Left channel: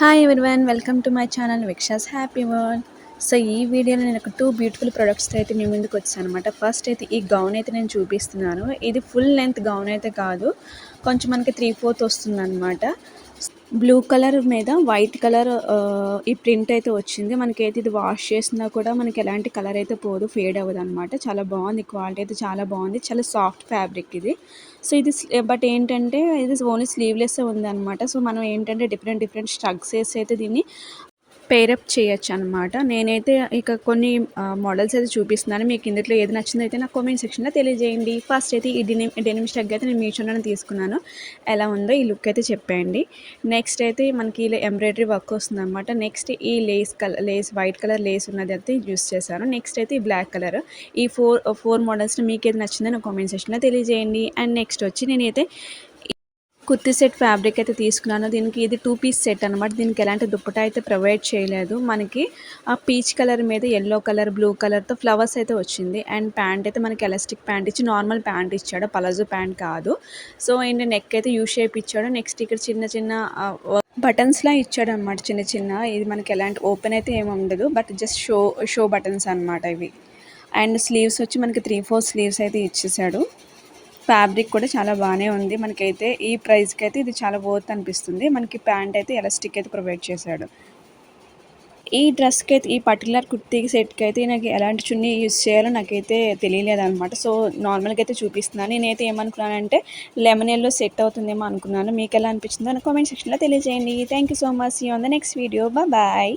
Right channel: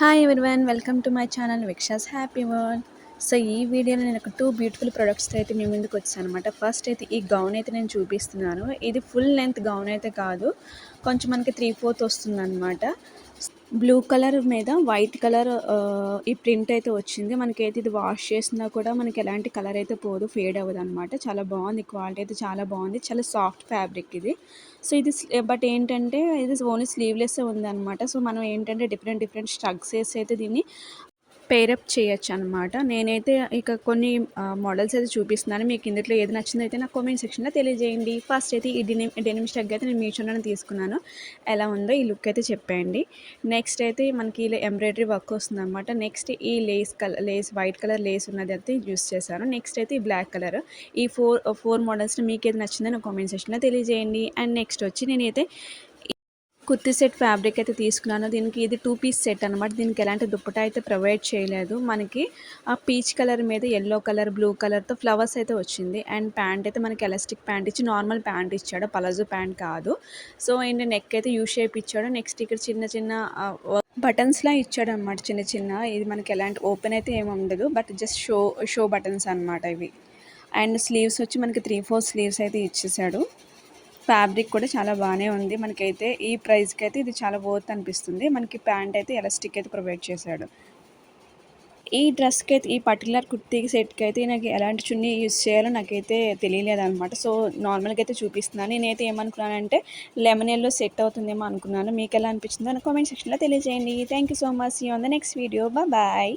Hi everyone, welcome to my channel విక్షాస్ happy world. So ఈ వీడియోలో నేను ఒక 2 బ్యూటిఫుల్ ప్రొడక్ట్స్‌తో అయితే మీ ముందుకు వచ్చాననమాట. ఫస్ట్ అయితే ఈ గౌన్ అయితే నేను చూపిస్తున్నాను. ఇది ఫుల్ లెంత్ గౌన్ అయితే కాదు, కొంచెం మనకి 3/4 వస్తుందనమాట. బ్లూ కలర్ మీద వైట్ కలర్ ఈ ప్రింట్ అయితే వచ్చింది. మనకైతే ఇది వాష్ చేసినా కూడా మనకి ఎలాంటి కలర్ అయితే పోదు, ఫేడ్ అవ్వదనమాట. చాలా బాగుంది, క్వాలిటీ అయితే చాలా బాగుంది. చాలా సాఫ్ట్ ఫ్యాబ్రిక్ ఇది. సో ఇది బట్ ఏంటంటే ఇది ఓన్లీ స్లీవ్లెస్సే ఉందనమాట. సో మనం ఏంటంటే డిఫరెంట్ స్ట్రగ్స్ వేసి అయితే దీన్ని పేరప్ చేయొచ్చు అనమాట. నేనైతే ఇక కొన్ని మోడల్స్ అయితే చూపిస్తున్నాను. మీకు ఇందులో ఏది నచ్చిందో అయితే నాకు కామెంట్ సెక్షన్లో తెలియజేయండి. ఫస్ట్ అయితే ఈ డెనిమ్ స్టగ్ అయితే నేను మీషోలోనే తీసుకున్నాను. ఎలా ఉందో ఈ లుక్ అయితే చెప్పేయండి. నెక్స్ట్ అయితే మనకి ఇలా ఎంబ్రాయిడరీ వర్క్ వస్తుందన్నమాట. నెక్స్ట్ ఈ లేస్ వైట్ కలర్ లేస్ ఉన్నది అయితే యూస్ చేశాను. నెక్స్ట్ అయితే ఈ బ్లాక్ కలర్. ఈ ఫోర్ మోడల్స్ని మీకు ఏది నచ్చిందో నాకు కామెంట్ సెక్షన్లో తెలియజేయండి. అండ్ నెక్స్ట్ వచ్చి నేనైతే కుర్తీ సెట్ ఫ్యాబ్రిక్ అయితే తీసుకున్నాను. దీనికి ఇది 2 పీస్ సెట్ అనమాట. దీనికి ఎలాంటి దుప్పటా అయితే ప్రొవైడ్ చేయలేదు. మనకి ఆ పీచ్ కలర్ మీద యెల్లో కలర్, బ్లూ కలర్తో ఫ్లవర్స్ అయితే వచ్చింది. అండ్ ప్యాంట్ అయితే మనకి ఎలాస్టిక్ ప్యాంట్ ఇచ్చి నార్మల్ ప్యాంట్ ఇచ్చాడు, పలాజో ప్యాంట్ కాదు. సో ఏంటి నెక్ అయితే యూ షేప్ ఇచ్చాడు. నెక్స్ట్ ఇక్కడ చిన్న బటన్స్లా ఇచ్చాడు అనమాట, చిన్న. ఇది మనకి ఎలాంటి ఓపెన్ అయితే ఏమి ఉండదు, బట్ జస్ట్ షో బటన్స్ అనమాట ఇవి. అండ్ స్లీవ్స్ వచ్చి మనకి 3/4 స్లీవ్స్ అయితే ఇచ్చేసాడు. ఫ్యాబ్రిక్ కూడా చాలా బాగానే ఉంది. మనకైతే ఈ ప్రైస్కి అయితే ఇది చాలా వర్త్ అనిపిస్తుంది. మనకి ప్యాంట్ అయితే ఎలాస్టిక్ అయితే ప్రొవైడ్ చేశాడు. ఈ డ్రెస్కి అయితే, ఈ పర్టికులర్ కుర్తీ సెట్కి అయితే నాకు ఎలాంటి చున్నీ యూజ్ చేయాలో నాకైతే తెలియలేదన్నమాట. సో నార్మల్గా అయితే చూపిస్తున్నాను. నేనైతే ఏమనుకున్నానంటే లెమన్ ఎల్లో సెట్ అవుతుందేమో అనుకున్నాను. మీకు ఎలా అనిపించిందో నాకు కామెంట్ సెక్షన్లో తెలియజేయండి. Thank you so much. See you on the next video. Bye.